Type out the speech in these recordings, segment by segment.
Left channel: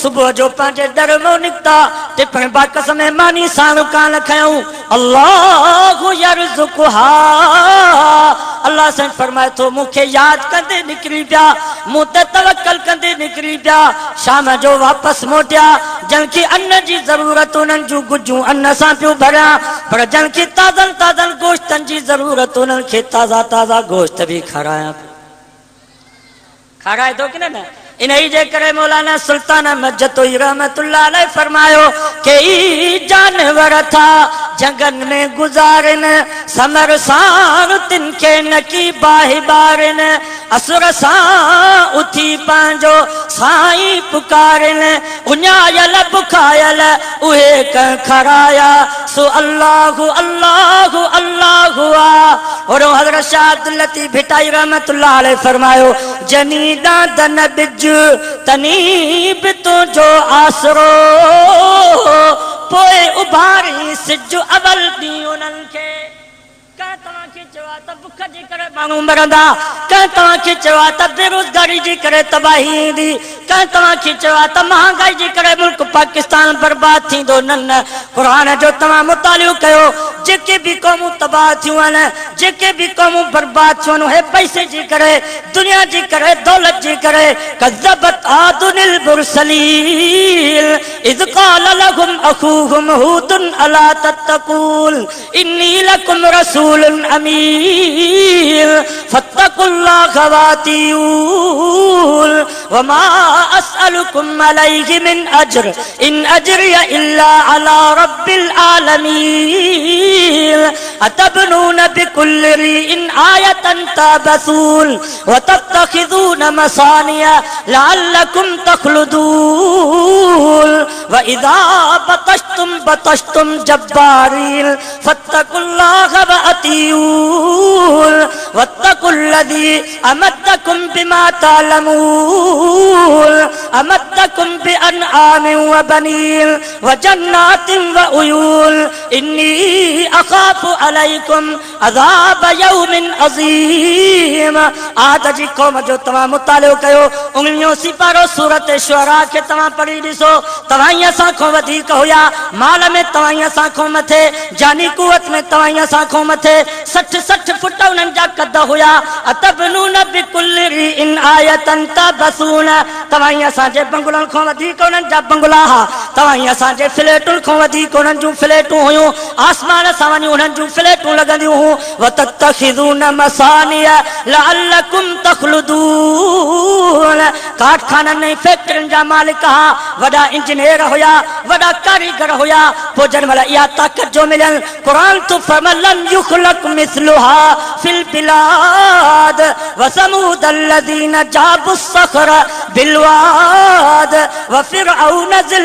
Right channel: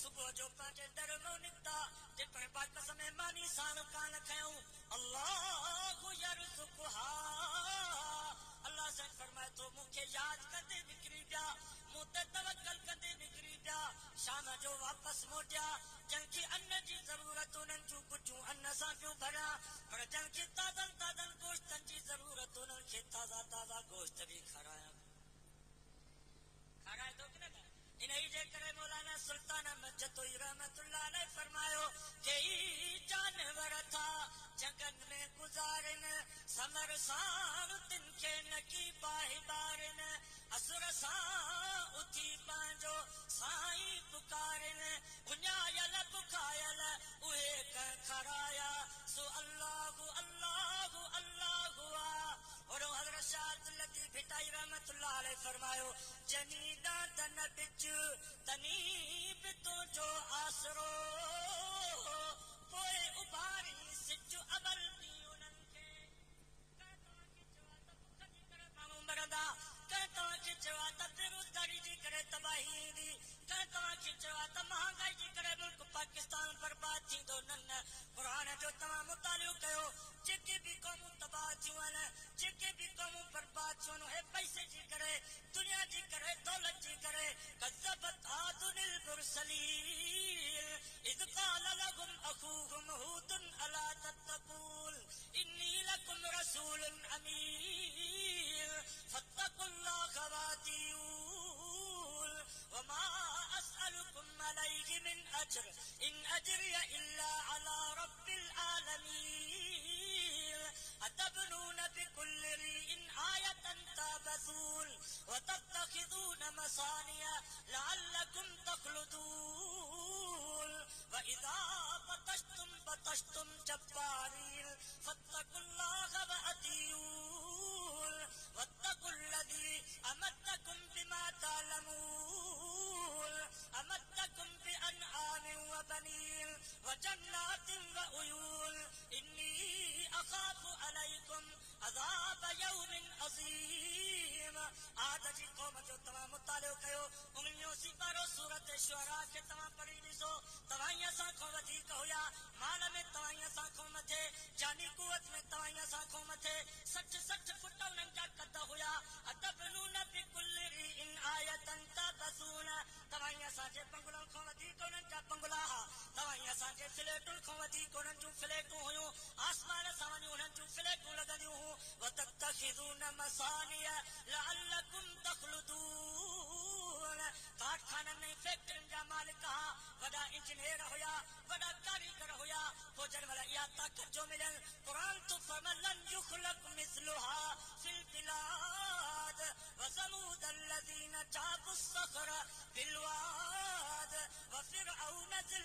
सुबह जो पांचे दर में निकता टिपण बाकस में मानी साणु कान खयूं अल्लाह यरज़ुकुहा अल्लाह से फरमाए तो मुखे याद कंदे निकरी पिया मूं ते तवक्कल कंदे निकरी पिया शाम जो वापस मोटिया जंहिंखे अन्न जी ज़रूरत उन्हनि जूं गुजूं अन्न सां पियो भरियां पर जंहिंखे ताज़नि ताज़नि गोश्तनि जी ज़रूरत उन्हनि खे ताज़ा ताज़ा गोश्त भी खारायां खाराए थो की न इन्ही जे करे मौलाना सुल्तान मजतोई रहमतुल्लाह अलैह फरमायो के ई जानवर था जंगन में गुजारिन समर सार तिनके नकी बाहि बारिन असुर सां उथी पंहिंजो साईं पुकारिन उञायल बुखायल उहे कंहिं खराया सो अल्लाहु अल्लाहु अल्लाहु और हज़रत शाह अब्दुल लतीफ़ भिटाई रहमतुल्लाह अलैह फरमायो जनी दादन बिज तनीब तुझो आसरो पोए उभारी सिज अवल दी उन्हनि खे का तव्हांखे चवा त बुख जे करे माण्हू मरंदा का तव्हांखे चवा त बेरोज़गारी जे करे तबाही ईंदी का तव्हांखे चवा त महांगाई जे करे मुल्क पाकिस्तान बर्बाद थींदो न न क़ुरान जो तव्हां मुतालियो कयो जेके भी क़ौमूं तबाह थियूं आहिनि जेके भी क़ौमूं बर्बाद थियूं आहिनि उहे पैसे जे करे दुनिया जे करे दौलत जे करे कज़्ज़बत आदुनिल मुरसलीन इज़ क़ाल लहुम अख़ूहुम हूदुन अला तत्तक़ून इन्नी लकुम रसूलुन अमीन फत्तक़ुल्लाह वातिऊन वमा अस्अलुकुम अलैहि मिन अज्र इन अज्रिय इल्ला अला रब्बिल आलमीन अतबनून बिकुल्लि रिइन आयतन तबसून वतत्तखिज़ून मसानिया लअल्लकुम तख़लुदून वइज़ा बतश्तुम जब्बारीन फत्तकुल्लाह वअतीऊन वत्तकुल्लज़ी अमद्दकुम बिमा तअलमून अमद्दकुम बिअनआमिन व बनीन व जन्नातिन व उयून इन्नी अखाफु अलैकुम अज़ाब यौमिन अज़ीम आद जी क़ौम जो तव्हां मुतालियो कयो उंगलियों सिपारो सूरत शुअरा खे तव्हां पढ़ी ॾिसो तव्हां असां खां वधीक हुया माल में तव्हां असां खां मथे जानी कुवत में तव्हां असां खां मथे 60 फुट उन्हनि जा कद हुया अतबनून बिकुल्लि रिइन आयतन तबसून तव्हां असांजे बंगलनि खां वधीक उन्हनि जा बंगला हा तव्हां असांजे फ्लैटुनि खां वधीक उन्हनि जूं फ्लैटूं हुयूं आसमान सां वञी उन्हनि जूं फ्लैटूं लॻंदियूं हुयूं वतत्तखिज़ून मसानिया लअल्लकुम तख़लुदून कारखाननि ऐं फैक्ट्रियुनि जा मालिक हा वॾा इंजीनियर हुया वॾा कारीगर हुया पोइ जंहिं महिल इहा ताक़त जो मिलियनि क़ुरान तो फमलन युखलक मिस्लुहा फिल बिलाद वसमूद الذين جابوا الصخر بالواد وفرعون ذي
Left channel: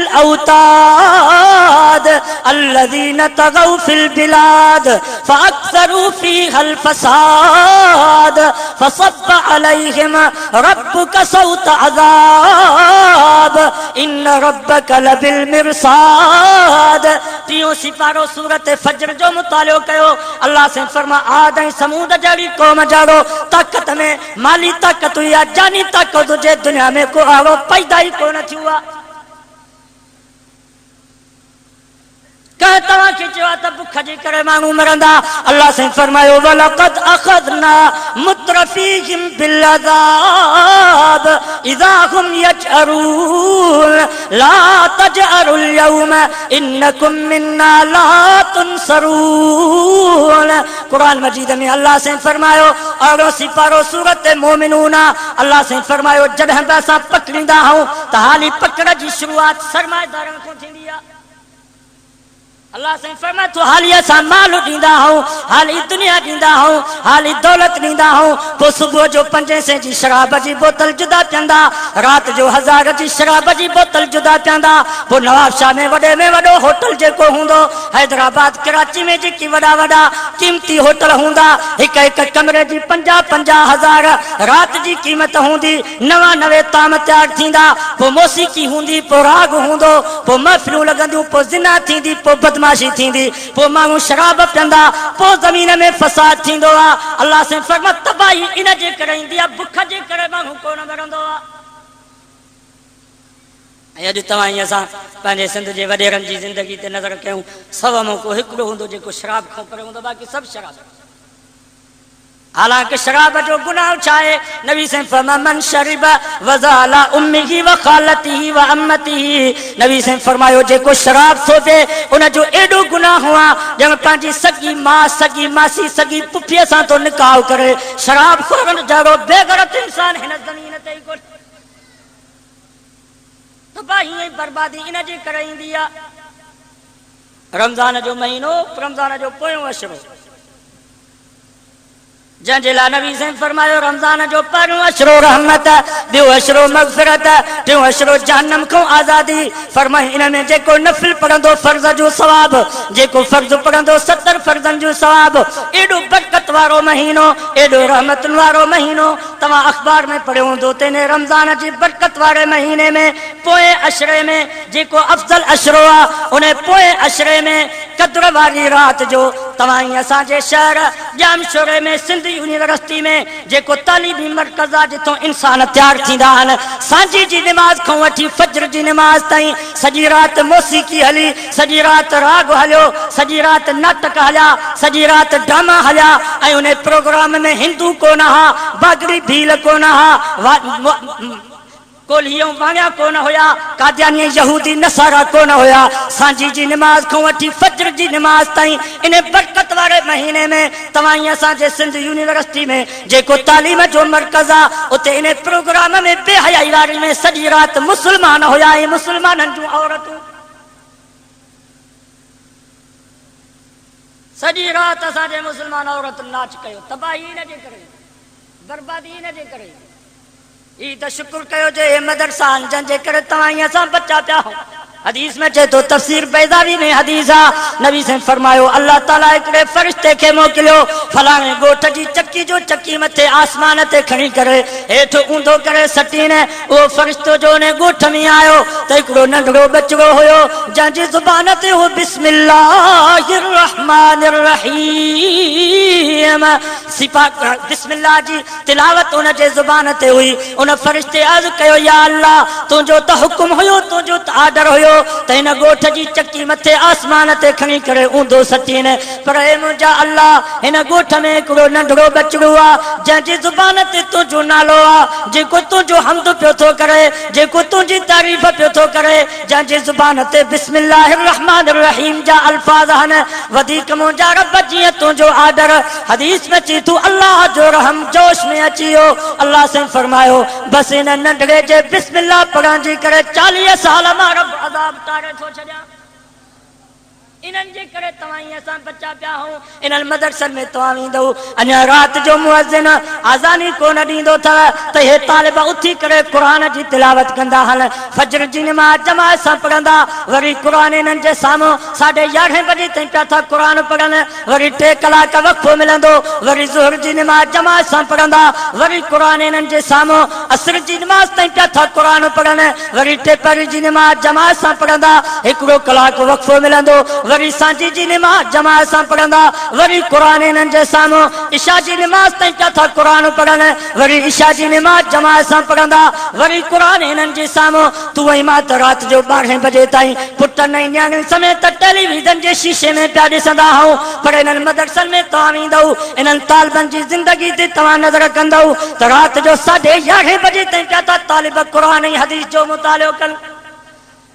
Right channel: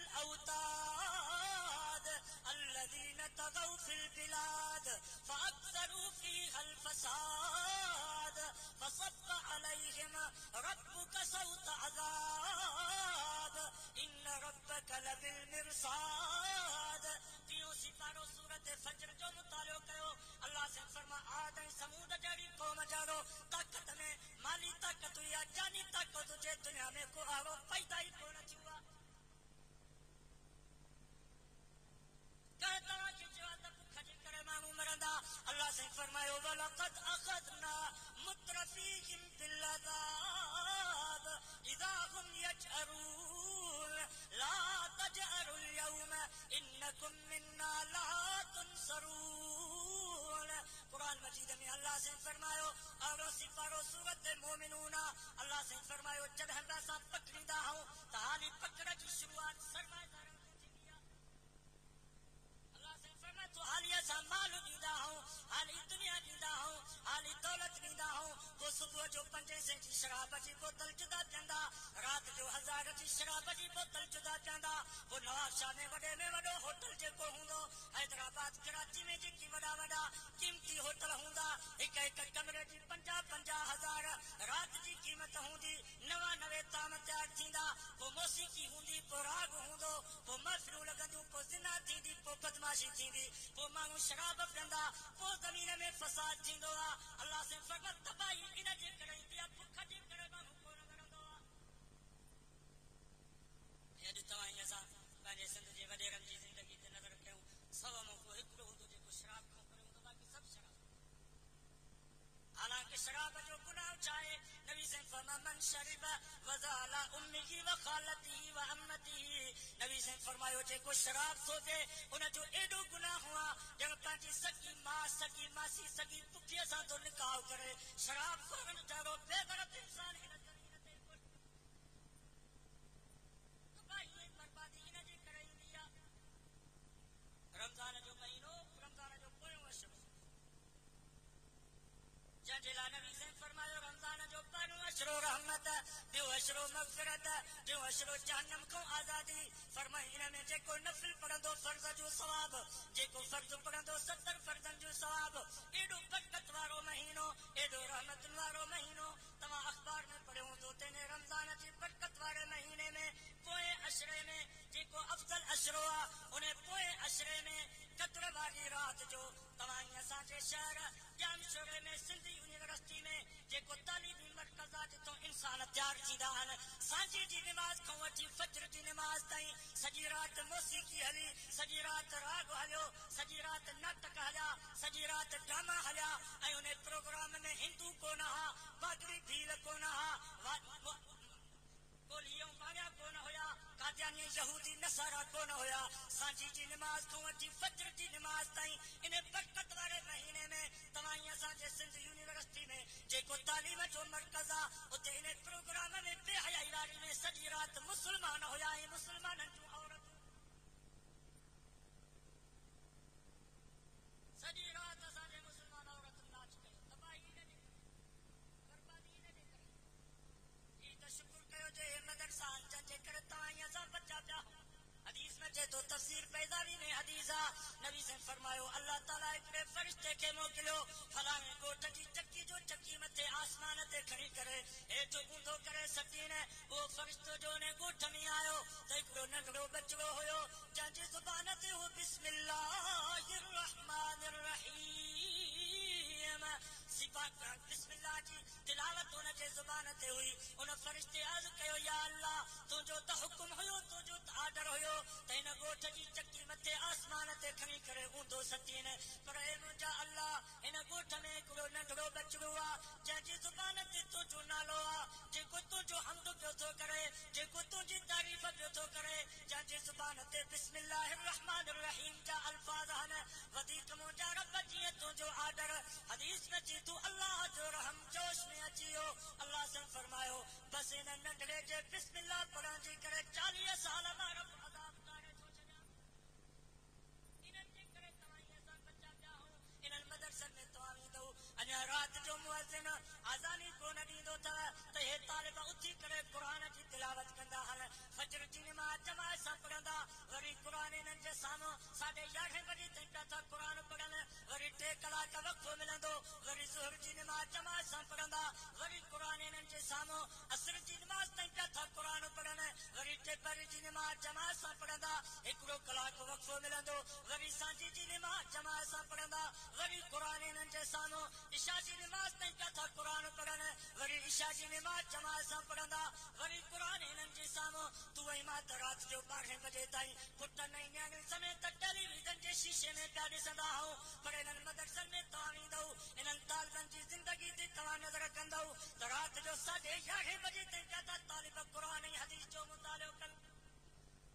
الاوتاد الذين طغوا في البلاد فاكثروا فيها الفساد فصب عليهم ربك صوت عذاب ان ربك لبالمرصاد टियों सिपारो सूरत फजर जो मुतालियो कयो अल्लाह से फरमा आद ऐं समूद जहिड़ी क़ौम जाड़ो ताक़त में माली ताक़त हुई आहे जानी ताक़त हुजे दुनिया में को अहिड़ो पैदा ई कोन थियो आहे कह तव्हांखे चयो आहे त बुख जे करे माण्हू मरंदा अल्लाह से फरमायो वलक़द अख़ज़ना मुत्रफीहिम बिलअज़ाब इज़ा हुम यजअरून ला तजअरुल यौम इन्नकुम मिन्ना ला तुनसरून कुरान मजीद में अल्लाह से फरमायो और सिपारो सूरत मोमिनून अल्लाह से फरमायो जॾहिं बि असां पकड़ींदा आहियूं त हाली पकड़ जी शुरूआत सरमाएदारनि खां थींदी आहे अल्लाह से फरमाए तो हाली असां माल ॾींदा आहियूं हाली दुनिया ॾींदा आहियूं हाली दौलत ॾींदा आहियूं पोइ सुबुह जो 500 जी शराब जी बोतल जुदा पीअंदा राति जो 1000 जी शराब जी बोतल जुदा पीअंदा पोइ नवाबशाह में वॾे में वॾो होटल जेको हूंदो हैदराबाद कराची में जेकी वॾा वॾा क़ीमती होटल हूंदा हिक कमरे जी 50-50 राति जी क़ीमत हूंदी नवे ताम तयारु थींदा पोइ मौसीक़ी हूंदी पोइ राग हूंदो पोइ महफ़िलूं लॻंदियूं पोइ ज़िना थींदी पोइ बदमाशी थींदी पोइ माण्हू शराब पीअंदा पोइ ज़मीन में फसाद थींदो आहे अल्लाह से फरमा तबाही इन जे करे ईंदी आहे बुख जे करे माण्हू कोन मरंदो आहे अॼु तव्हां ई असां पंहिंजे सिंध जे वॾेरनि जी ज़िंदगी ते नज़र कयूं, सव मौक़ो हिकिड़ो हूंदो जेको शराब खां परे हूंदो, बाक़ी सभु शराब। हालांकि शराब जो गुनाह छा आहे? नबी से फरमा मन शरिब वज़ाला उम्मिही व खालतिही व अम्मतिही। नबी से फरमायो जेको शराब थो पिए उन जो एॾो गुनाह हुआ ॼण पंहिंजी सगी मां, सगी मासी, सगी पुफीअ सां तो निकाह करे। शराब खोरन जहिड़ो बेगरत इंसान हिन ज़मीन ते ई कोन्हे। तबाही ऐं बर्बादी इन जे करे ईंदी आहे। रमज़ान जो महीनो, रमज़ान जो पोयों अशरो, जंहिंजे लाइ नबी से फरमायो रमज़ान जो पहिरियों अशरो रहमत, ॿियो अशरो मग़फ़िरत, टियों अशरो जहन्नम खां आज़ादी। फरमाई इन में जेको नफ़िल पढ़ंदो फर्ज़ जो सवाब, जेको फर्ज़ पढ़ंदो 70 फर्ज़नि जो सवाब। एॾो बरकत वारो महीनो, एॾो रहमतुनि वारो महीनो। तव्हां अख़बार में पढ़ियो हूंदो त रमज़ान जी बरकत वारे महीने में पोएं अशरे में जेको अफ़ज़ल अशरो आहे, उन पोएं अशरे में क़द्र वारी राति जो तव्हां ई असांजे शहर जामशोरे में सिंध यूनिवर्सिटी में जेको तालीमी मर्कज़ आहे, जिथों इंसान तैयार थींदा आहिनि, सांझी जी निमाज़ खां वठी फज्र जी निमाज़ ताईं सॼी राति मौसीक़ी हली, सॼी राति राग हलियो, सॼी राति नाटक हलिया, सॼी राति ड्रामा हलिया। ऐं उन प्रोग्राम में हिंदू कोन हा, बागड़ी भील कोन हा, कोलियों वाणिया कोन हुया, कादियानी यहूदी नसारा कोन हुया। सांझी जी निमाज़ खां वठी फज्र जी निमाज़ ताईं इन बरकत वारे महीने में तव्हां ई असांजे सिंध यूनिवर्सिटी में जेको तालीम जो मर्कज़ आहे, उते इन प्रोग्राम में बेहयाई वारी में सॼी राति मुस्लमान हुया ऐं मुस्लमाननि जूं औरतूं। सॼी राति असांजे मुस्लमान औरतुनि नाच कयो। तबाही इन जे करे, बर्बादी इन जे करे। ई त शुक्र कयो जे मदरसा जंहिंजे करे तव्हां ई असां बचा पिया आहियूं। हदीस में चए तो तफसीर बैज़ावी में हदीस आ, नबी से फरमायो अल्लाह ताला हिकिड़े फरिश्ते खे मोकिलियो, फलाणे ॻोठ जी चकी जो चकी मथे आसमान ते खणी करे हेठि ऊंधो करे सटीने। उहो फरिश्तो जो उन ॻोठ में आयो त हिकिड़ो नंढड़ो बचिड़ो हुयो, जंहिंजी ज़ुबान ते हो बिस्मिल्लाहिर रहमानिर रहीम सिफा बिस्मिल्लाह जी तिलावत उन जे ज़ुबान ते हुई। उन फरिश्ते अर्ज़ कयो या अल्लाह, तुंहिंजो त हुकुम हुयो, तुंहिंजो त आर्डर हुयो त हिन ॻोठ जी चकी मथे आसमान ते खणी करे ऊंधो सटीने। पर हे मुंहिंजा अल्लाह, हिन ॻोठ में हिकिड़ो नंढड़ो बचिड़ो आहे, जंहिंजी ज़ुबान ते तुंहिंजो नालो आहे, जेको तुंहिंजो हम्द पियो थो करे, जेको तुंहिंजी तारीफ़ पियो थो करे, जंहिंजी ज़ुबान ते बिस्मिल्लाहिर रहमानिर रहीम जा अल्फाज़ आहिनि। वधीक मुंहिंजा रब जीअं तुंहिंजो आर्डर। हदीस में चई तू अल्लाह जो रहम जोश में अची वियो। अल्लाह से फरमायो बसि हिन नंढड़े जे बिस्मिल्लाह पढ़ण जी करे 40 साल मां रब अज़ाब टारे थो छॾियां। इन्हनि जे करे तव्हां ई असां बचा पिया आहियूं। इन्हनि मदरसनि में तव्हां वेंदव, अञा राति जो मुअज़्ज़िन आज़ानी कोन ॾींदो अथव त हे तालिब उथी करे क़ुर जी तिलावत कंदा हल, फज्र जी निमाज़ जमात सां पढ़ंदा, वरी क़ुर इन्हनि जे साम्हूं 11:30 बजे ताईं पिया था क़ुर पढ़नि, वरी 3 कलाक वक़्फ़ो मिलंदो, वरी ज़ुहर जी निमाज़ जमात सां पढ़ंदा, वरी क़ुर इन्हनि जे साम्हूं असर जी निमाज़ ताईं पिया था क़ुर पढ़नि, वरी टेपरी जी निमाज़ जमात सां पढ़ंदा, 1 कलाक वक़्फ़ो मिलंदो, वरी सांझी जी निमाज़ जमात सां पढ़ंदा, वरी क़ुर इन्हनि जे साम्हूं इशा जी निमाज़ ताईं पिया था क़ुर पढ़नि, वरी इशा जी निमाज़ जमात सां पढ़ंदा, वरी क़ुर इन्हनि जे साम्हूं तू ऐं मां त राति जो 12 बजे ताईं पुटनि ऐं न्याणियुनि समेत टेलीविज़न जे शीशे में पिया ॾिसंदा आहियूं। पर इन्हनि मदरसनि में तव्हां वेंदव, इन्हनि तालिबनि जी ज़िंदगी ते तव्हां नज़र कंदव त राति जो 11:30 बजे ताईं पिया था तालिब क़ुर ऐं हदीस जो मुतालिओ कनि।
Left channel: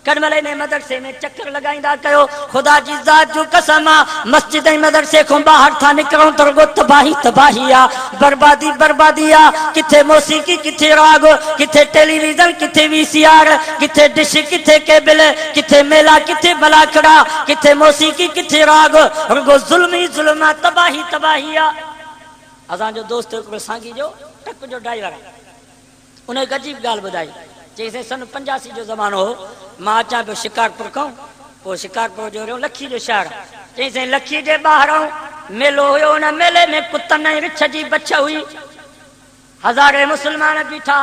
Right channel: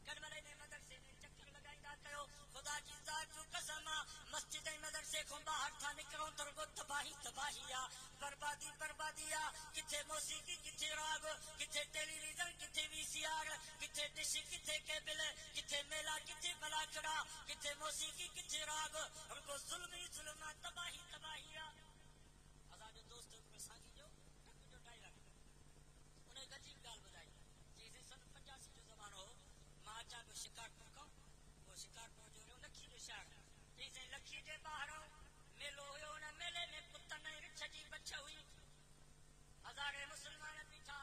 कॾहिं ने मदरसे में चक्कर लगाईंदा कयो। ख़ुदा जी ज़ात जो कसम आहे, मस्जिद ऐं मदरसे खां ॿाहिरि था निकिरूं त रुॻो तबाही तबाही आहे, बर्बादी बर्बादी आहे। किथे मौसीक़ी, किथे राग, किथे टेलीविज़न, किथे VCR, किथे डिश, किथे केबल, किथे मेला, किथे भलाखड़ा, किथे मौसीक़ी, किथे राग, रुॻो ज़ुल्म ई ज़ुल्म आहे, तबाही तबाही आहे। असांजो दोस्त हिकिड़ो सांगी जो ट्रक जो ड्राइवर आहे, उन हिकु अजीब ॻाल्हि ॿुधाई। चईं सन 85 जो ज़मानो हो, मां अचां पियो शिकारपुर खां, पोइ शिकारपुर जो लखी जो शहर। चईं लखी जे ॿाहिरां मेलो हुयो, उन मेले में कुतनि ऐं रिछ जी बछ हुई, हज़ारे मुस्लमान बीठा,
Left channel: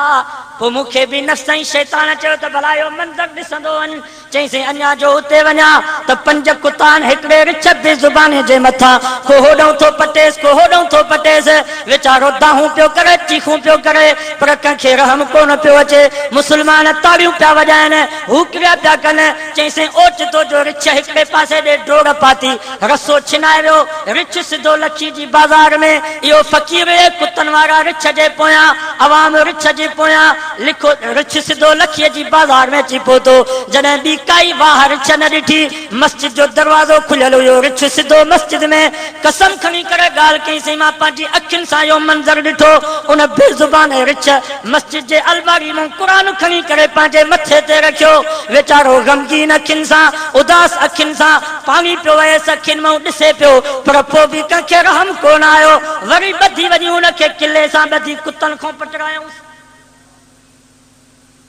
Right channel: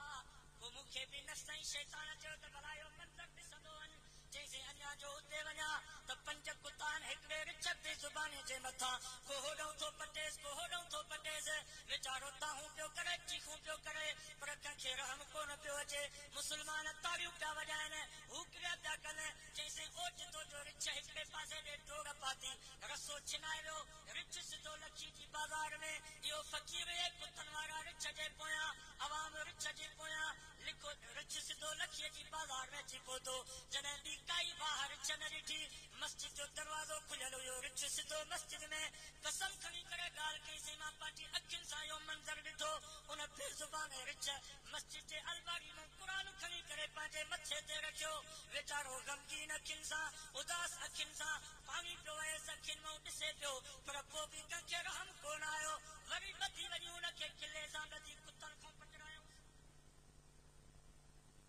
पो मूंखे बि नफ़्स ऐं शैतान चयो त भला इहो मंज़र ॾिसंदो वञ। चईंसि अञा जो हुते वञा त 5 कुतान हिकिड़े रिछ बेज़ुबाने जे मथां को होॾों थो पटेसि को होॾों थो पटेसि, वीचारो दाहूं पियो करे चीखूं पियो करे पर कंहिंखे रहम कोन पियो अचे। मुस्लमान ताड़ियूं पिया वॼाइनि, हू क्रिया पिया कनि। चईंसि ओचितो जो रिछ हिकिड़े पासे ॾे डोड़ पाती, रसो छिनाए वियो, रिछ सिधो लखी जी बाज़ार में। इहो फ़क़ीर कुतनि वारा रिछ जे पोयां, अवाम रिछ जे पोयां, लिखो रिछ सिधो लखीअ जी बाज़ार में अची पहुतो। जॾहिं ॿी काई वाह रिछ न ॾिठी, मस्जिद जो दरवाज़ो खुलियल हुयो, रिछ सिधो मस्जिद में कसम खणी करे ॻाल्हि कईं, मां पंहिंजी अखियुनि सां इहो मंज़र ॾिठो। उन बेज़ुबान रिछ मस्जिद जे अलमारी मां क़ुरान खणी करे पंहिंजे मथे ते रखियो। वीचारो गमगीन अखियुनि सां, उदास अखियुनि सां पाणी पियो वयसि अखियुनि मां, ॾिसे पियो पर पोइ बि कंहिंखे रहम कोन आयो। वरी ॿधी वञी उनखे किले सां ॿधी कुतनि खां पटरायूंसि।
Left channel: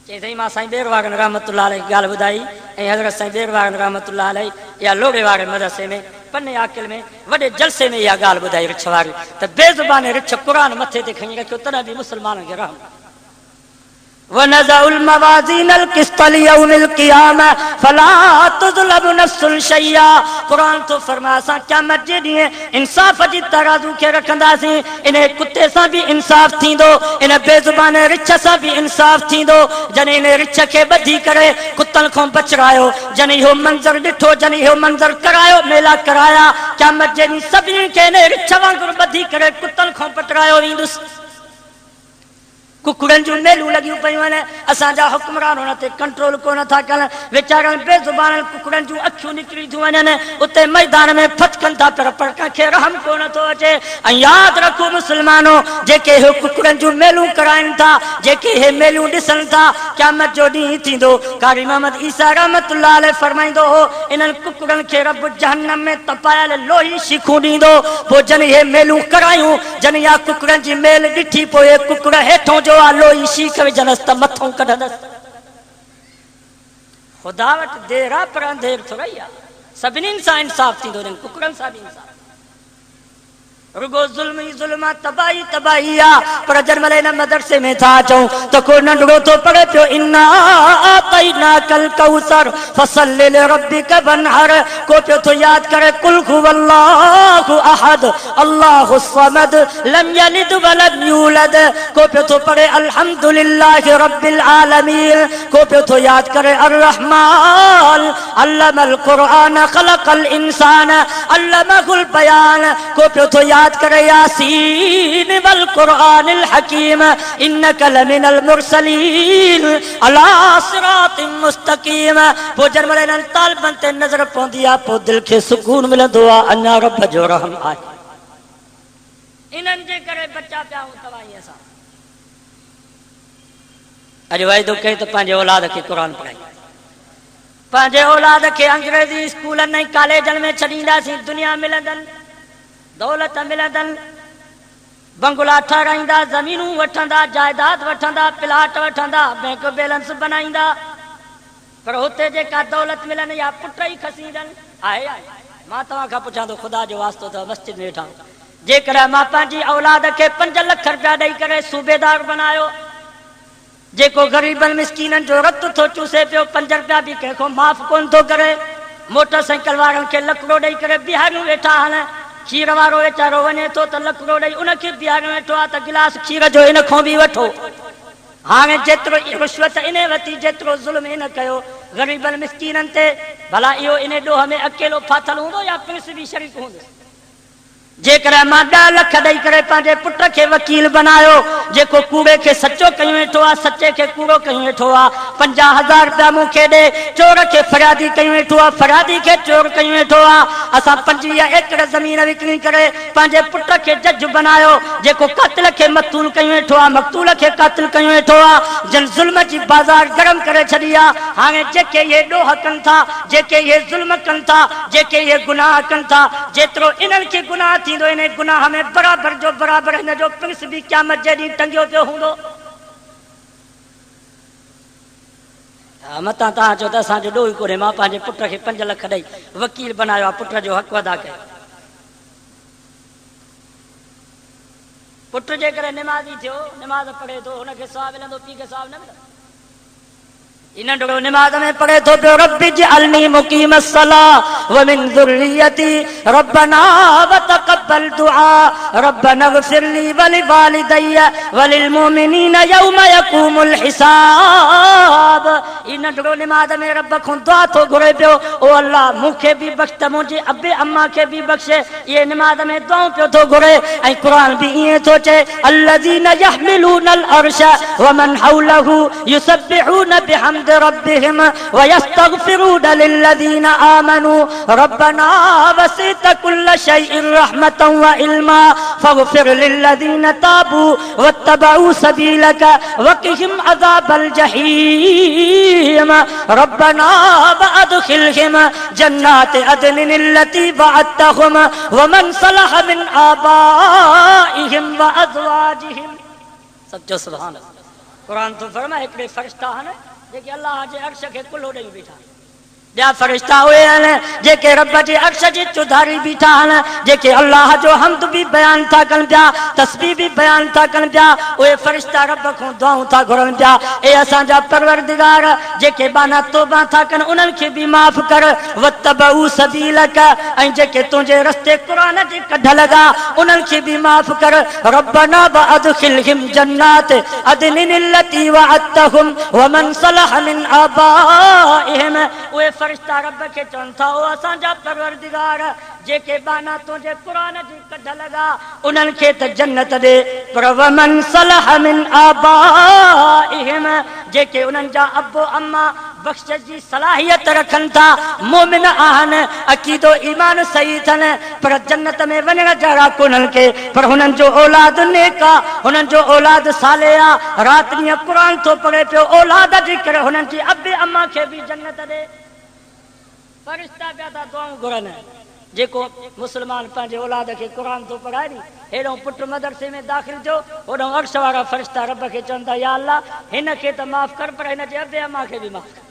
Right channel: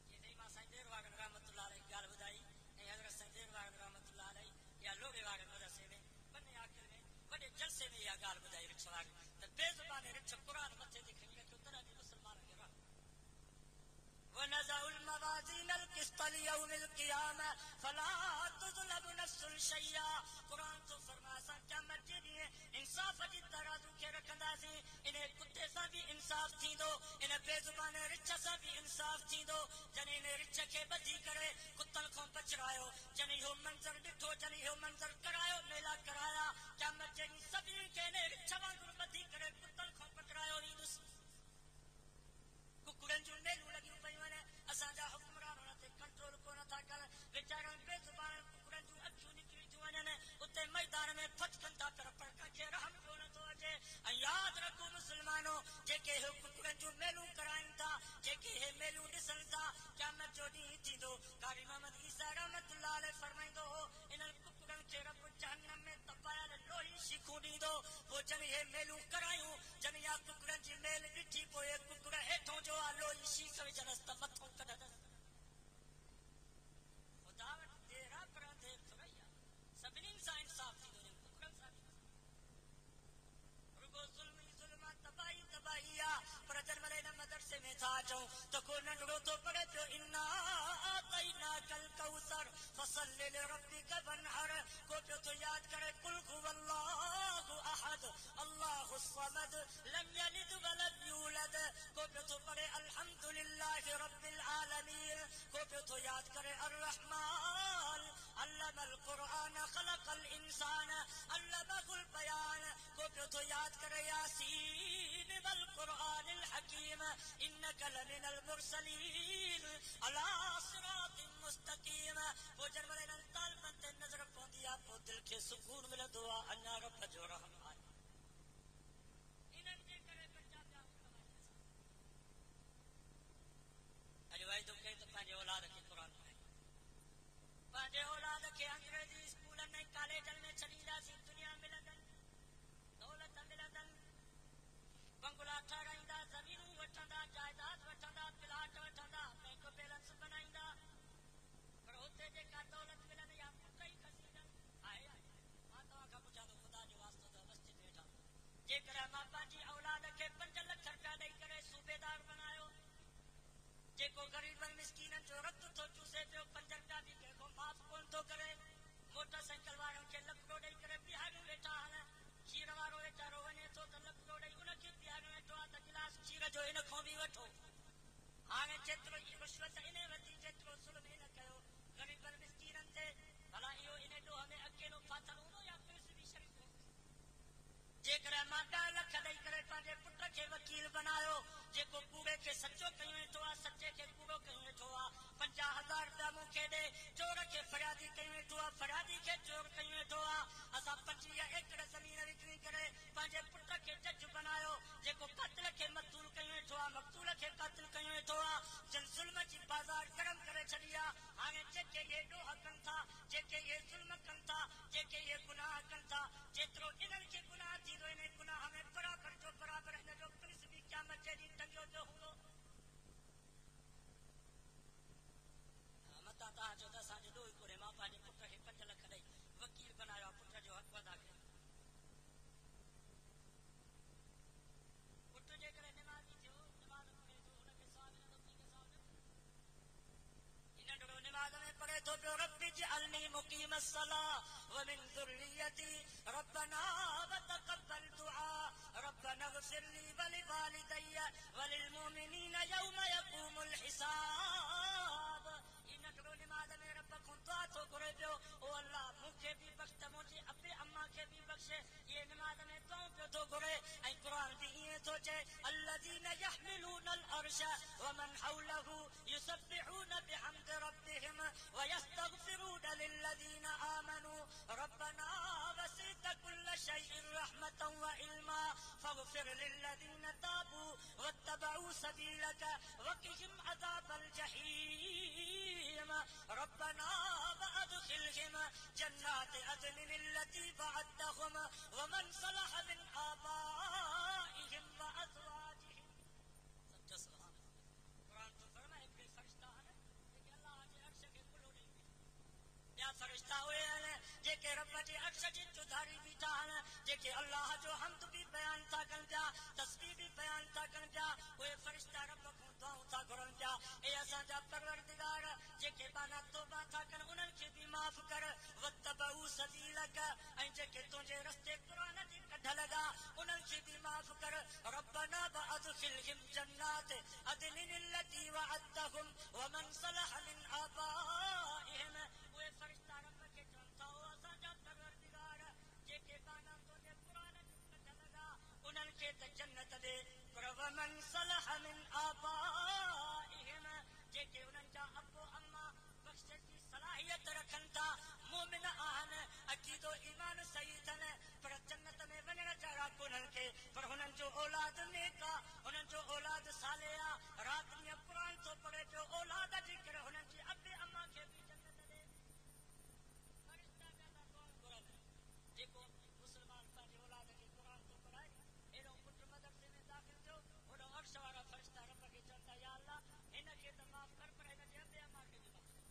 चई मां साईं बेरवारन रहमतुल्लाह अलैह ॻाल्हि ॿुधाई ऐं हज़रत साईं बेरवारन रहमतुल्लाह अलैह या लोड़े वारे मदरसे में पन्ने आकिल में वॾे जलसे में इहा ॻाल्हि ॿुधाई रिछ वारी त बेज़ुबाने रिछ क़ुरान मथे ते खणी रखियो, तॾहिं बि मुस्लमाननि खे रहम। वनज़उल मवाज़ीन अलक़िस्त लियौमिल क़ियामा फला तुज़लम नफ्सुन शैया। कुरान तो फरमाए असां क़यामत जे ॾींहुं इंसाफ़ जी तराज़ू खे रखंदासीं। इन कुते सां बि इंसाफ़ थींदो, इन बेज़ुबान रिछ सां बि इंसाफ़ थींदो। जॾहिं इन रिछ खे ॿधी करे कुतनि खां बचरायो, जॾहिं इहो मंज़र ॾिठो, जॾहिं इहो मंज़र करायो, मेला कराया, क़यामत जे ॾींहुं सभिनी खे इन रिछ वांगुरु ॿधी करे कुतनि खां पटरायो वेंदुसि। कुकड़नि जूं मेलूं लॻियूं पयूं आहिनि, असांजा हुक्मरान हुन ते कंट्रोल कोन था कनि। वीचारनि बेज़ुबाननि कुकड़नि जूं अखियूं निकिरी थियूं वञनि, उते मैदान में फटकनि था पर कंहिंखे रहम कोन थो अचे। ऐं यादि रखो मुस्लमानो, जेके इहे कुकड़नि जूं मेलूं कराइनि था, जेके इहे मेलूं ॾिसनि था, क़यामत जो ॾींहुं थींदो। कारी मोहम्मद ईसा रहमतुल्लाह अलैह फरमाईंदो हो, इन्हनि कुकड़नि खे रब जहन्नम में तपायल लोही शीखूं ॾींदो। पोइ जॾहिं इहे मेलूं करायूं, जॾहिं इहा कुकड़नि जी मेल ॾिठी, पोइ इहे कुकड़ हेठों जो लोही शीख विझंदसि त मथों कढंदसि। ख़ुदा वटि देर आहे पर अंधेर थोरी आहे। सभिनीनि सां इंसाफ़ थींदो, कुकड़नि सां बि इंसाफ़। रुगो ज़ुल्म ही ज़ुल्म आहे, तबाही तबाही आहे। पर जंहिंमहिल हिन मदरसे में था अचूं त को नंढड़ो थो पढ़े पियो इन्ना आतैनाकल कौसर फसल्लि लिरब्बिक वनहर, को पियो थो यादि करे कुल हुवल्लाहु अहद अल्लाहु समद लम यलिद वलम यूलद, को पियो थो पढ़े अल्हम्दुलिल्लाहि रब्बिल आलमीन, को पियो थो यादि करे अर्रहमान अल्लमल क़ुरआन ख़लक़ल इंसान अल्लमहुल बयान, को पियो थो यादि करे यासीन वल क़ुरआनिल हकीम इन्नका लमिनल मुरसलीन अला सिरातिन मुस्तकीम। पोइ जंहिंमहिल इन्हनि तालिबनि ते नज़र पवंदी आहे, पोइ दिलि खे सुकून मिलंदो आहे, अञा रब जो रहम आहे। इन्हनि जे करे बचा पिया आहियूं तबाहीअ सां। अॼु वाइदो कई त पंहिंजे औलाद खे क़ुरान पढ़ाई, पंहिंजे औलाद खे अंग्रेज़ी स्कूलनि ऐं कॉलेजनि में छॾींदासीं। दुनिया मिलंदनि, दौलत मिलंदनि, बंगला ठाराईंदा, ज़मीनूं वठंदा, जायदाद वठंदा, प्लाट वठंदा, बैंक बैलेंस बनाईंदा, पर हुते जेका दौलत मिलनि या पुट ई खसी ईंदनि। आहे मां तव्हां खां पुछां थो, ख़ुदा जो वास्तो अथव मस्जिद में वेठा, जेकॾहिं मां पंहिंजी औलाद खे 5 लख रुपया ॾेई करे सूबेदार बनायो, जेको ग़रीबनि मिसकीननि जो रत थो चूसे पियो, 5 रुपया बि कंहिंखो माफ़ कोन थो करे, मोटरसाइकिल वारनि खे लकिड़ो ॾेई करे बिहारियूं वेठा आहिनि, खीर वारो वीचारो वञे थो त लकिड़ो ॾेई उनखे बिहारियो वेठो आहे त गिलास खीर जो इन खां बि वठो। हाणे जेतिरो रिश्वत इन वरिती, जेतिरो ज़ुल्म इन कयो ग़रीबनि मिसकीननि ते, भला इहो इन ॾोह में अकेलो फाथल हूंदो या प्रिंस बि शरीक हूंदो? जेकॾहिं मां 10 लख ॾेई करे पंहिंजे पुट खे वकील बनायो, जेको कूड़े खे सचो कयूं वेठो आहे, सचे खे कूड़ो कयूं वेठो आहे, 50,000 रुपया मूंखे ॾे, चोर खे फरियादी कयूं वेठो आहे, फरियादी खे चोर कयूं वेठो आहे। असां 25 एकड़ ज़मीन विकिणी करे पंहिंजे पुट खे जज बनायो, जेको क़ातिल खे मक़तूल कयूं वेठो आहे, मक़तूल खे क़ातिल कयूं वेठो आहे, जिन ज़ुल्म जी बाज़ार गरम करे छॾी आहे। हाणे जेके इहे ॾोह कनि था, जेके इहे ज़ुल्म कनि था, जेके इहे गुनाह कनि था, जेतिरो इन्हनि खे गुनाह थींदो, इन गुनाह में बराबर जो बराबर हिन जो प्रिंस बि क़यामत जे ॾींहुं टंगियो पियो हूंदो। मतां तव्हां चओ त असांजो ॾोह ई कोन्हे, मां पंहिंजे पुट खे 5 लख ॾेई वकील बनायो आहे, पुट जो हक़ अदा कयो। पुट जे करे निमाज़ी थियो, निमाज़ पढ़े थो, हुनखे सवाब मिलंदो, पीउ खे सवाब न मिलंदो। इन नंढड़ो निमाज़ में पढ़े थो पियो रब्बि जअलनी मुक़ीम अस्सलाह व मिन ज़ुर्रियती रब्बना व तक़ब्बल दुआ रब्बना इग़फिर ली व लिवालिदैया व लिलमुमिनीना यौम यक़ूमुल हिसाब। इन नंढड़ो निमाज़ में रब खां दुआ थो घुरे पियो, ओ अल्लाह मूंखे बि बख़्श त मुंहिंजे अबे अम्मा खे बि बख़्शे। ये निमाज़ में दुआऊं पियो थो घुरे ऐं क़ुरान बि ईअं थो चए अल्लज़ीना यहमिलूनल अर्श व मन हौलहु युसब्बिहूना बिहम्दि रब्बिहिम व यस्तगफिरूना लिल्लज़ीना आमनू रब्बना वसिअत कुल्ल शैइन रहमतन व इल्मा फग़फिर लिल्लज़ीना ताबू वत्तबऊ सबीलक वक़िहिम अज़ाबल जहीम रब्बना वअदखिलहिम जन्नात अदनिन अल्लती वअदतहुम व मन सलह मिन आबाइहिम व अज़वाजिहिम। सच्चो सुभान अल्लाह। कुरान तो फरमाए हिकिड़े फरिश्ता आहिनि जेके अल्लाह जे अर्श खे कुल्हो ॾेई बीठा, ॿिया फरिश्ता उहे आहिनि जेके रब जे अर्श जी चुधारी बीठा आहिनि, जेके अल्लाह जो हम्द बि बयान था कनि पिया, तस्बीह बि बयान था कनि पिया। उहे फरिश्ता रब खां दुआऊं था घुरनि पिया, ए असांजा परवरदिगार जेके बाना तौबा था कनि उन्हनि खे बि माफ़ कर, वत्तबऊ सबीलक ऐं जेके तुंहिंजे रस्ते क़ुरान जे कढ लॻा उन्हनि खे बि माफ़ कर। रब्बना वअदखिलहिम जन्नात अदनिन अल्लती वअदतहुम व मन सलह मिन आबाइहिम। उहे फरिश्ता रब खे चवनि था ओ असांजा परवरदिगार जेके बाना तुंहिंजे क़ुरान जी कढ लॻा उन्हनि खे त जन्नत ॾे, पर वमन सलह मिन आबाइहिम जेके उन्हनि जा अबो अम्मा बख़्श जी सलाहियत रखनि था, मोमिन आहिनि, अक़ीदो ईमान सही अथनि, पर जन्नत में वञण जहिड़ा कोन्हनि के, पर हुननि जो औलाद नेक आहे, हुननि जो औलाद साले आहे। राति ॾींहुं क़ुरान थो पढ़े पियो, औलाद जे करे हुननि जी अबे अम्मा खे बि जन्नत ॾे। फरिश्ता पिया था दुआऊं घुरनि, जेको मुस्लमान पंहिंजे औलाद खे क़ुरान थो पढ़ाए नी, हेॾो पुट मदरसे में दाख़िल थियो, होॾो अर्श वारा फरिश्ता रब खे चवनि था या अल्लाह हिन खे त माफ़ कर, पर हिन जे अबे अम्मा खे बि माफ़ कर।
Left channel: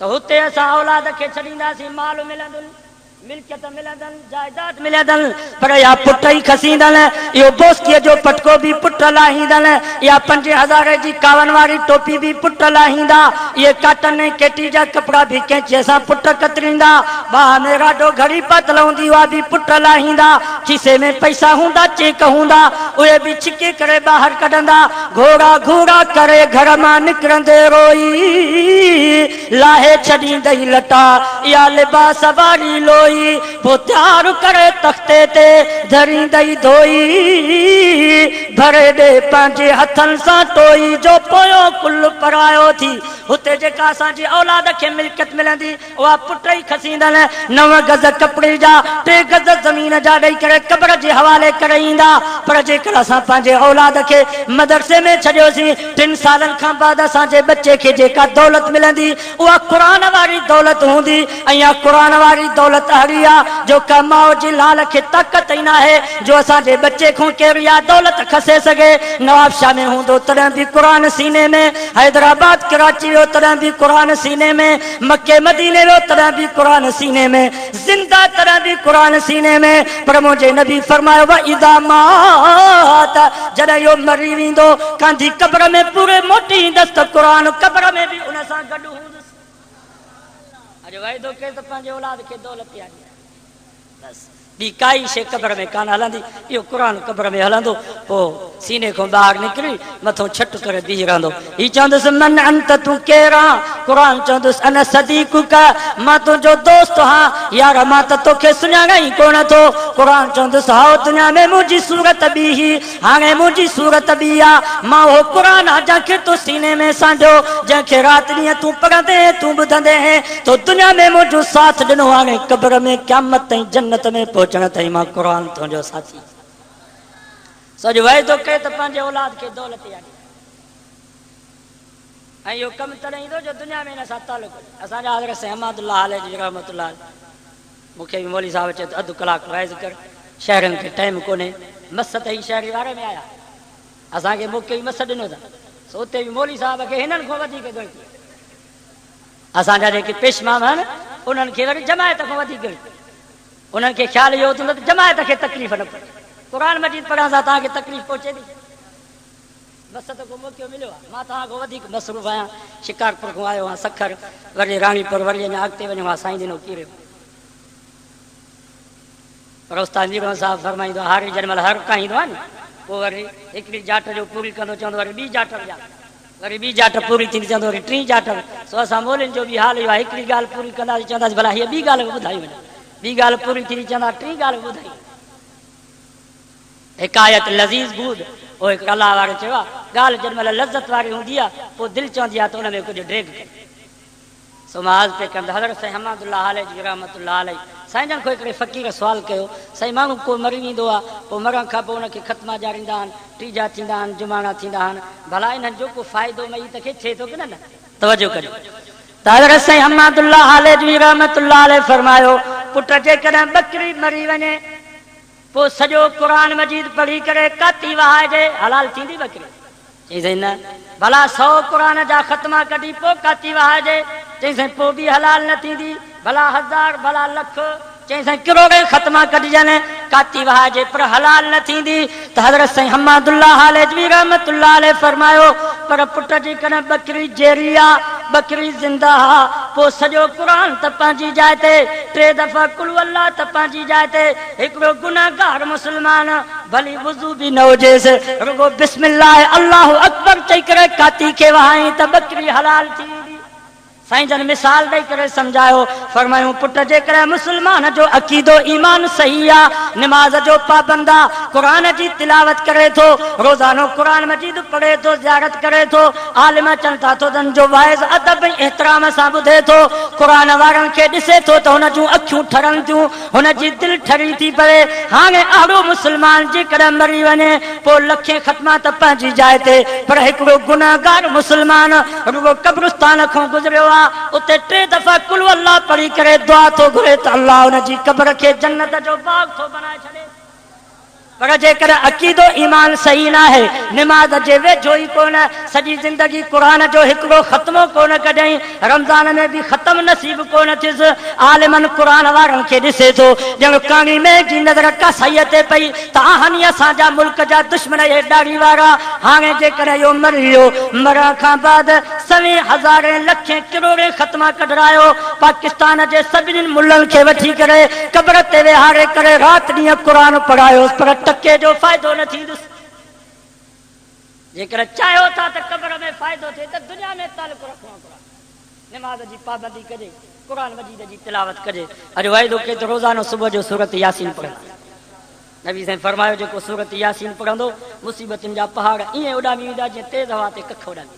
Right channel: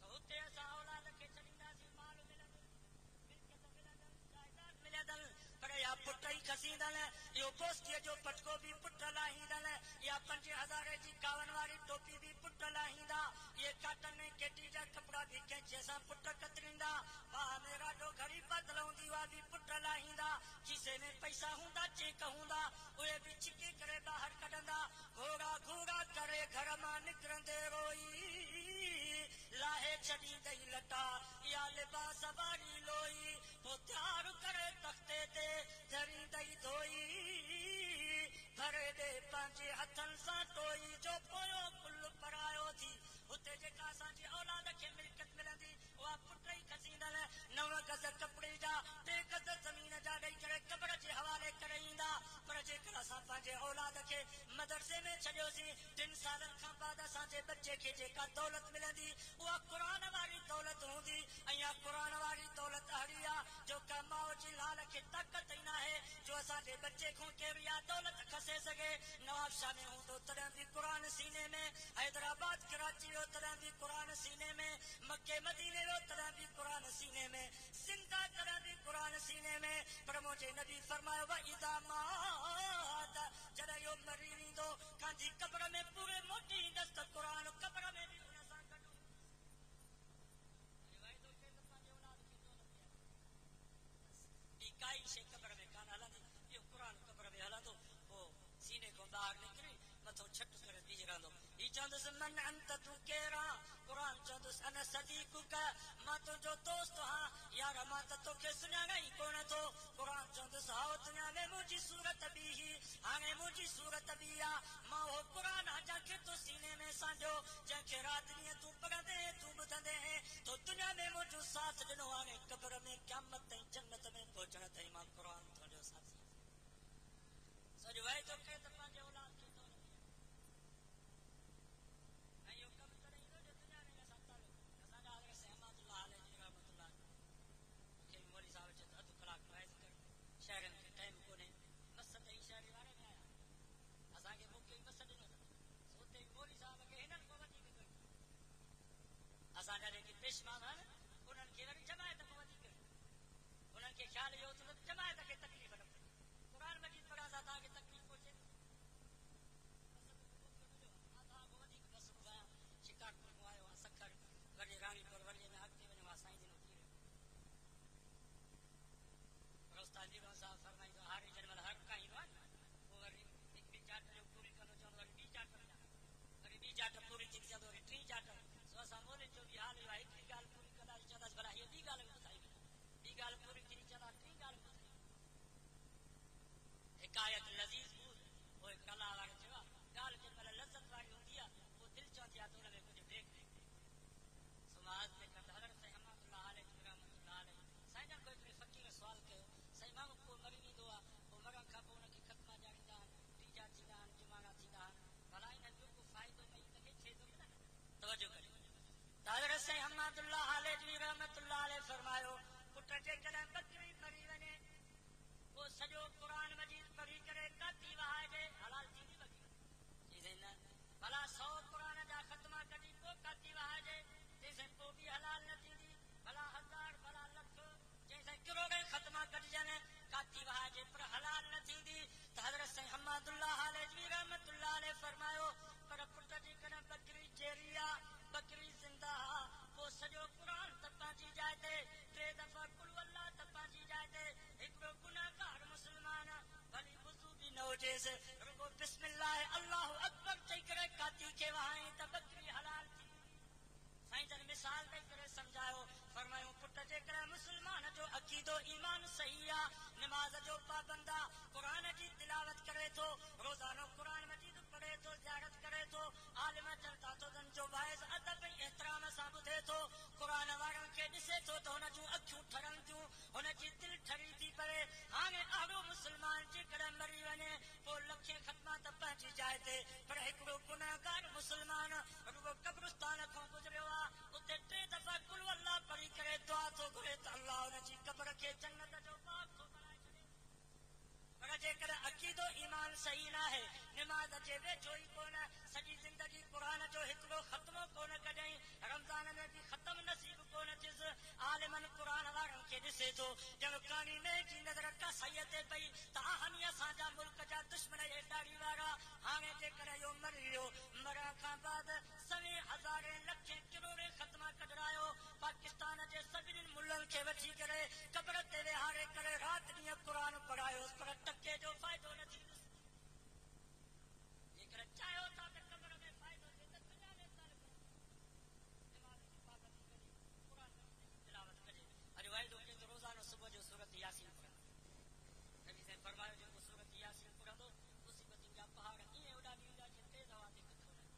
त हुते असां औलाद खे छॾींदासीं, माल मिलंदुनि, मिल्कियत मिलंदनि, जायदाद मिलंदनि, पर या पुट ई खसींदनि। इहो बोस्कीअ जो पटको बि पुट लाहींदनि, या 5000 जी कावन वारी टोपी बि पुट लाहींदा, इहे काटन ऐं केटी जा कपिड़ा बि कैंचीअ सां पुट कतरींदा, बाह में राडो घड़ी पातल हूंदी उहा बि पुट लाहींदा, खीसे में पैसा हूंदा, चेक हूंदा, उहे बि छिके करे ॿाहिरि कढंदा। घोड़ा घोड़ा करे घर मां निकिरंदे रोई लाहे छॾींदई लटा या लिबास वारी लोई, पोइ तयारु करे तख़्ते ते धरींदई धोई, भरे ॾे पंहिंजे हथनि सां टोई जो पोयों कुल परायो थी। हुते जेका असांजी औलाद खे मिल्कियत मिलंदी उहा पुट ई खसींदनि, 9 गज़ कपिड़े जा 3 गज़ ज़मीन जा ॾेई करे क़ब्र जे हवाले करे ईंदा। पर जेकर असां पंहिंजे औलाद खे मदरसे में छॾियोसीं, 3 सालनि खां बाद असांजे बच्चे खे जेका दौलत मिलंदी उहा क़ुरान वारी दौलत हूंदी, ऐं इहा क़ुरान वारी दौलत अहिड़ी आहे जो का माउ जी लाल खे ताक़त ई न आहे जो असांजे बच्चे खां कहिड़ी आहे दौलत खसे सघे। नवाबशाह में हूंदो तॾहिं बि क़ुरान सीने में, हैदराबाद कराची वियो तॾहिं बि क़ुरान सीने में, मके मदीने वियो तॾहिं बि क़ुरान सीने में, ज़िंदा तॾहिं बि क़ुरान सीने में। पर मुंहिंजे नबी फरमायो व इज़ा मात जॾहिं इहो मरी वेंदो कांधी क़ब्र में पूरे मोटी ईंदसि त क़ुरान क़ब्र में बि उन सां गॾु हूंदुसि। अॼु वाइदो कयो त पंहिंजे औलाद खे दौलत यादि बसि, ॿी काई शइ क़ब्र में कान हलंदी, इहो क़ुरान क़ब्र में हलंदो। पोइ सीने खां ॿाहिरि निकिरी मथां छट करे बीह रहंदो। हीउ चवंदुसि मन अंत तूं केरु आहीं? क़ुरान चवंदुसि अन सदीक़ुक, मां तुंहिंजो दोस्त आहियां, यार मां त तोखे सुञाणा ई कोन थो। क़ुरान चवंदुसि हाओ दुनिया में मुंहिंजी सूरत ॿी ही, हाणे मुंहिंजी सूरत ॿी आहे। मां उहो क़ुरान आहे जंहिंखे तूं सीने में सांढियो, जंहिंखे राति ॾींहुं तूं पढ़ंदे तूं ॿुधंदे तो दुनिया में मुंहिंजो साथ ॾिनो, हाणे क़ब्र में क़यामत ताईं जन्नत में पहुचण ताईं मां क़ुरान तुंहिंजो साथी। सॼो वाइदो कयो त पंहिंजे औलाद खे दौलत यादि, ऐं इहो कमु तॾहिं ईंदो जो दुनिया में हिन सां तालुक़। असांजा हज़रत साईं अहमदुल्लाह अलैहि रहमतुल्लाह, मूंखे बि मौली साहिब चए त अधु कलाकु वाइज़ कर, शहरनि खे टाइम कोन्हे, मस त ई शहरी वारे में आया, असांखे मूंखे बि मस ॾिनो अथनि, सो उते बि मौली साहिब खे हिननि खां वधीक गणती। असांजा जेके पेशमाम आहिनि उन्हनि खे वरी जमायत खां वधीक गणती, उन्हनि खे ख़्यालु इहो हूंदो त जमायत खे तकलीफ़ न पए। कुरान मजीद पढ़ण सां तव्हांखे तकलीफ़ पहुचे थी? बस त को मौक़ो मिलियो आहे। मां तव्हां खां वधीक मसरूफ़ आहियां। शिकारपुर खां आयो आहियां, सखर, वरी राणीपुर, वरी अञा अॻिते वञो आहे साईं दिनो कीरियो। पर उस्ताद मीर साहब फरमाईंदो आहे हारी जंहिं महिल हर काईंदो आहे न, पोइ वरी हिकिड़ी जाट जो पूरी कंदो, चवंदो वरी ॿी जाट जा, वरी ॿी जाट पूरी थींदी, चवंदो वरी टीं जाट। सो असां मोलियुनि जो बि हाल इहो आहे, हिकिड़ी ॻाल्हि पूरी कंदासीं, चवंदासीं भला हीअ ॿी ॻाल्हि ॿुधाई वञे, ॿी ॻाल्हि पूरी थींदी, चवंदा टीं ॻाल्हि ॿुधाई। हिकायत लज़ीज़ बूद, पोइ हिकु अलाह वारे चयो आहे ॻाल्हि जंहिं महिल लज़त वारी हूंदी आहे पोइ दिलि चवंदी आहे त हुन में कुझु ड्रेग करे। सो मां पे कंदा हज़रत साईं हमादुल्लाह अलैह जी रहमतुल्लाह अलैह साईं जन खां हिकिड़े फ़क़ीर सुवाल कयो, साईं माण्हू को मरी वेंदो आहे, पोइ मरण खां पोइ हुनखे ख़तमा ॼाणींदा आहिनि, टीजा थींदा आहिनि, जुमाणा थींदा आहिनि, भला इन्हनि जो को फ़ाइदो मई त खे थिए थो की न? तवजो करियो। त हज़रत साईं हमादुल्लाह अलैह जी रहमतुल्लाह अलैह फरमायो, पुट जेकॾहिं ॿकरी मरी वञे पोइ सॼो क़ुरान मजीद पढ़ी करे काती वहाइजे, हलाल थींदी ॿकरी? चई साईं न। भला 100 क़ुरान जा ख़तमा कढी पोइ काती वहाइजे? चई साईं पोइ बि हलाल न थींदी। भला 1000, भला लख, चई साईं किरोड़े ख़तमा कढिजनि, काती वहाइजे पर हलाल न थींदी। त हज़रत साईं हमादुल्लाह अलैह रहमतुल्लाह अलैह फरमायो, पर पुट जेकॾहिं ॿकरी जेरी आहे, ॿकरी ज़िंदा आहे, पोइ सॼो क़ुरान त पंहिंजी जाइ ते, 3 दफ़ा कुल अल्लाह त पंहिंजी जाइ ते, हिकिड़ो गुनाहगार मुस्लमान भली वुज़ू बि न हुजेसि, रुगो बिस्मिल्लाह अल्लाह अकबर चई करे काती खे वहाई त ॿकरी हलाल थी। साईं जन मिसाल ॾेई करे सम्झायो, फरमायूं पुट जेकॾहिं मुस्लमान जो अक़ीदो ईमान सही आहे, निमाज़ जो पाबंद आहे, क़ुरान जी तिलावत करे थो, रोज़ानो क़ुरान मजीद पढ़े थो, ज़ियारत करे थो, आलिम अचनि था तो जो वाइज़ अदब ऐं एहतराम सां ॿुधे थो, क़ुरान वारनि खे ॾिसे थो त हुन जूं अखियूं ठरनि थियूं, हुनजी दिलि ठरी थी पए। हाणे अहिड़ो मुस्लमान जेकॾहिं मरी वञे पोइ लखे ख़तमा त पंहिंजी जाइ ते, पर हिकिड़ो गुनाहगार मुस्लमान रुगो कब्रिस्तान खां गुज़रियो आहे, उते 3 दफ़ा कुल अल्लाह पढ़ी करे दुआ थो घुरे त अल्लाह हुनजी क़ब्र खे जन्नत जो बाग थो बनाए छॾे। पर जेकॾहिं अक़ीदो ईमान सही न आहे, निमाज़ जे वेझो ई कोन, सॼी ज़िंदगी क़ुरान जो हिकिड़ो ख़तमो कोन कढई, रमज़ान में बि ख़तम नसीब कोन थियुसि, आलिमनि क़ुरान वारनि खे ॾिसे थो ॼण काणी में जी नज़र कसाईअ ते पई त आहिनि असांजा मुल्क जा दुश्मन हे ॾाढ़ी वारा। हाणे जेकॾहिं इहो मरी वियो, मरण खां बाद 100,000 लखे किरोड़े ख़तमा कढरायो, पाकिस्तान जे सभिनी मुल्हनि खे वठी करे क़ब्र ते वेहारे करे राति ॾींहुं क़ुरान पढ़ायो, पर टके जो फ़ाइदो न थींदुसि। जेकर चाहियो था त क़ब्र में फ़ाइदो थिए त दुनिया में तालुक़ रखणो पवंदो। निमाज़ जी पाबंदी कजे, क़ुरान मजीद जी तिलावत कजे। अॼु वाइदो कयो त रोज़ानो सुबुह जो सूरत यासीन पढ़ंदा। नबी साईं फरमायो जेको सूरत यासीन पढ़ंदो मुसीबतुनि जा पहाड़ ईअं उॾामी वेंदा जीअं तेज़ हवा ते कख उॾामी।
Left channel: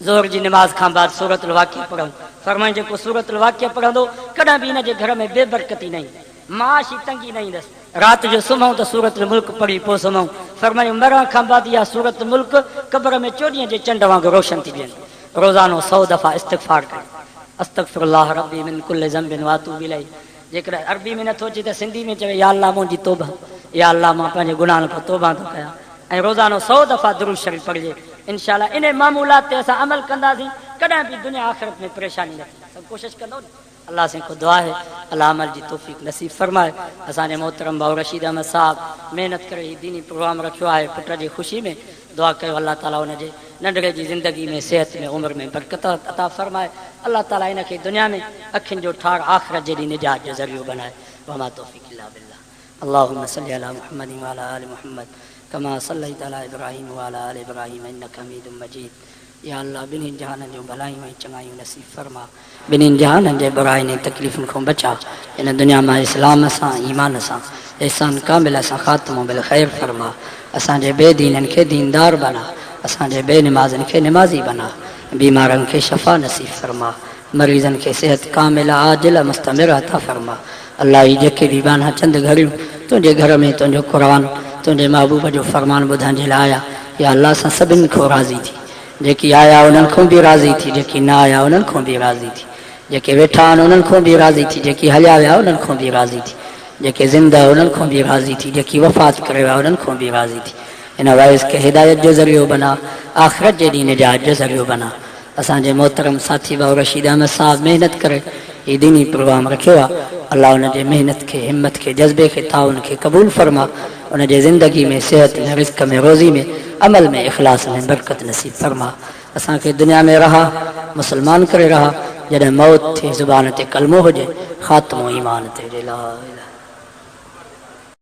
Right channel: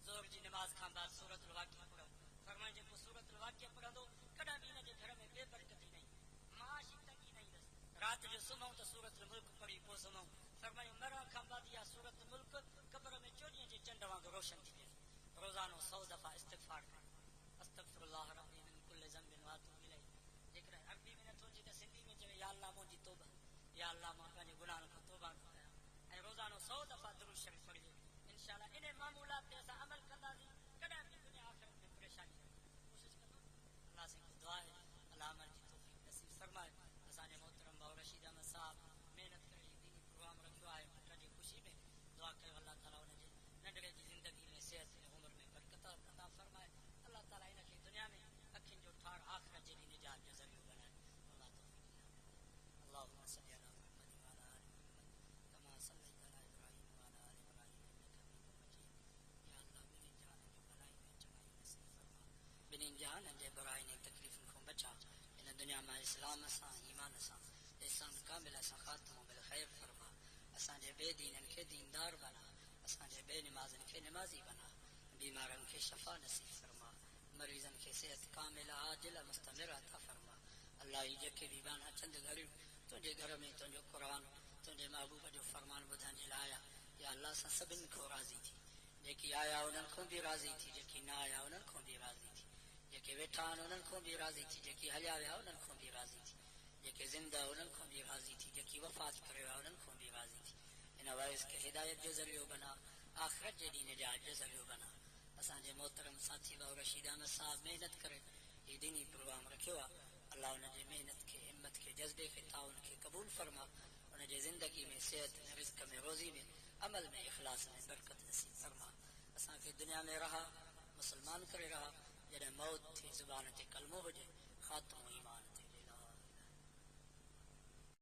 ज़ोहर जी नमाज़ खां बाद सूरत वाक़िया पढ़ूं। फरमायो जेको सूरत वाक़िया पढ़ंदो कॾहिं बि हिनजे घर में बेबरकती न ईंदी, माशी तंगी न ईंदसि। राति जो सुम्हूं त सूरत मुल्क पढ़ी पोइ सुम्हूं। फरमायो मरण खां बाद इहा सूरत मुल्क क़ब्र में 24 जे चंड वांगुरु रोशन थी वेंदी। रोज़ानो 100 दफ़ा इस्तिग़फ़ार कयो, अस्तग़फिरुल्लाह रब्बी मिन कुल्लि ज़ंबिन व अतूबु इलैहि। जेकर अरबी में नथो अचे त सिंधी में चवे या अल्लाह मुंहिंजी तौबा, या अल्लाह मां पंहिंजे गुनाहनि खां तौबा थो कयां। ऐं रोज़ानो 100 दफ़ा दुरूद शरीफ़ पढ़िजे। इंशाअल्लाह इन मामूलात ते असां अमल कंदासीं, कॾहिं बि दुनिया आख़िरत में परेशानी न थी। सभु कोशिशि कंदो न। अल्लाह से को दुआ है अल्लाह अमल जी तौफ़ीक़ नसीब फरमाए। असांजे मोहतरम भाउ रशीद अहमद साहब मेहनत करे ही दीनी प्रोग्राम रखियो आहे, पुट जी ख़ुशी में दुआ कयो अल्लाह ताला हुनजे नंढड़े जी ज़िंदगी में, सेहत में, उम्र में बरकत अता फरमाए। अल्लाह ताला इनखे दुनिया में अखियुनि जो ठार, आख़िरत जहिड़ी निजात जो ज़रियो बनाए। वमा तौफ़ीक़ इल्ला बिल्लाह। अल्लाहुम्मा सल्लि अला मुहम्मद व अला आलि मुहम्मद कमा सल्लैत अला इब्राहीम व अला आलि इब्राहीम इन्नका हमीदुम मजीद। या अल्लाह ॿिन्ही जहाननि जूं भलायूं ऐं चङायूं नसीब फरमा, ॿिन्ही जहाननि जे बुराइनि ऐं तकलीफ़ुनि खां बचा। इन दुनिया मां इस्लाम सां, ईमान सां, एहसान कामिल सां ख़ात्मो बिल ख़ैर फरमा। असांजे बेदीननि खे दीनदार बना, असांजे बेनिमाज़नि खे निमाज़ी बना, बीमारनि खे शफ़ा नसीब फरमा, मरीज़नि खे सेहत कामिल आजिल मुस्तमिर अता फरमा। अल्लाह ही जेके बि बाना चंद घड़ियूं तुंहिंजे घर में तुंहिंजो क़ुरान, तुंहिंजे महबूब जो फरमान ॿुधण जे लाइ आया, या अल्लाह सां सभिनी खां राज़ी थी। जेकी आया उन्हनि खां बि राज़ी थी, जेकी न आया उन्हनि खां बि राज़ी थी, जेके वेठा आहिनि उन्हनि खां बि राज़ी थी, जेकी हलिया विया उन्हनि खां बि राज़ी थी, जेके ज़िंदा उन्हनि खां बि राज़ी थी, जेकी वफ़ात करे विया उन्हनि खां बि राज़ी थी। इन वाइस खे हिदायत जो ज़रियो बना, आख़िरत जे ॾींहुं निजात जो ज़रियो बना। असांजे मोहतरम साथी भाउ रशीद अहमद साहब महिनत करे ये दीनी प्रोग्राम रखियो आहे। अल्लाह उन जे मेहनत खे, हिम्मत खे, जज़्बे खे, ताउन खे क़बूल फरमा। उन जे ज़िंदगी में, सेहत में, रिज़्क़ में, रोज़ी में, अमल में, इख़लास में बरकत नसीब फरमा। असांखे दुनिया में रहा मुसलमान करे रहा, जॾहिं मौत थे ज़ुबान ते कलमो हुजे, ख़ात्मो ईमान ते ला इलाहा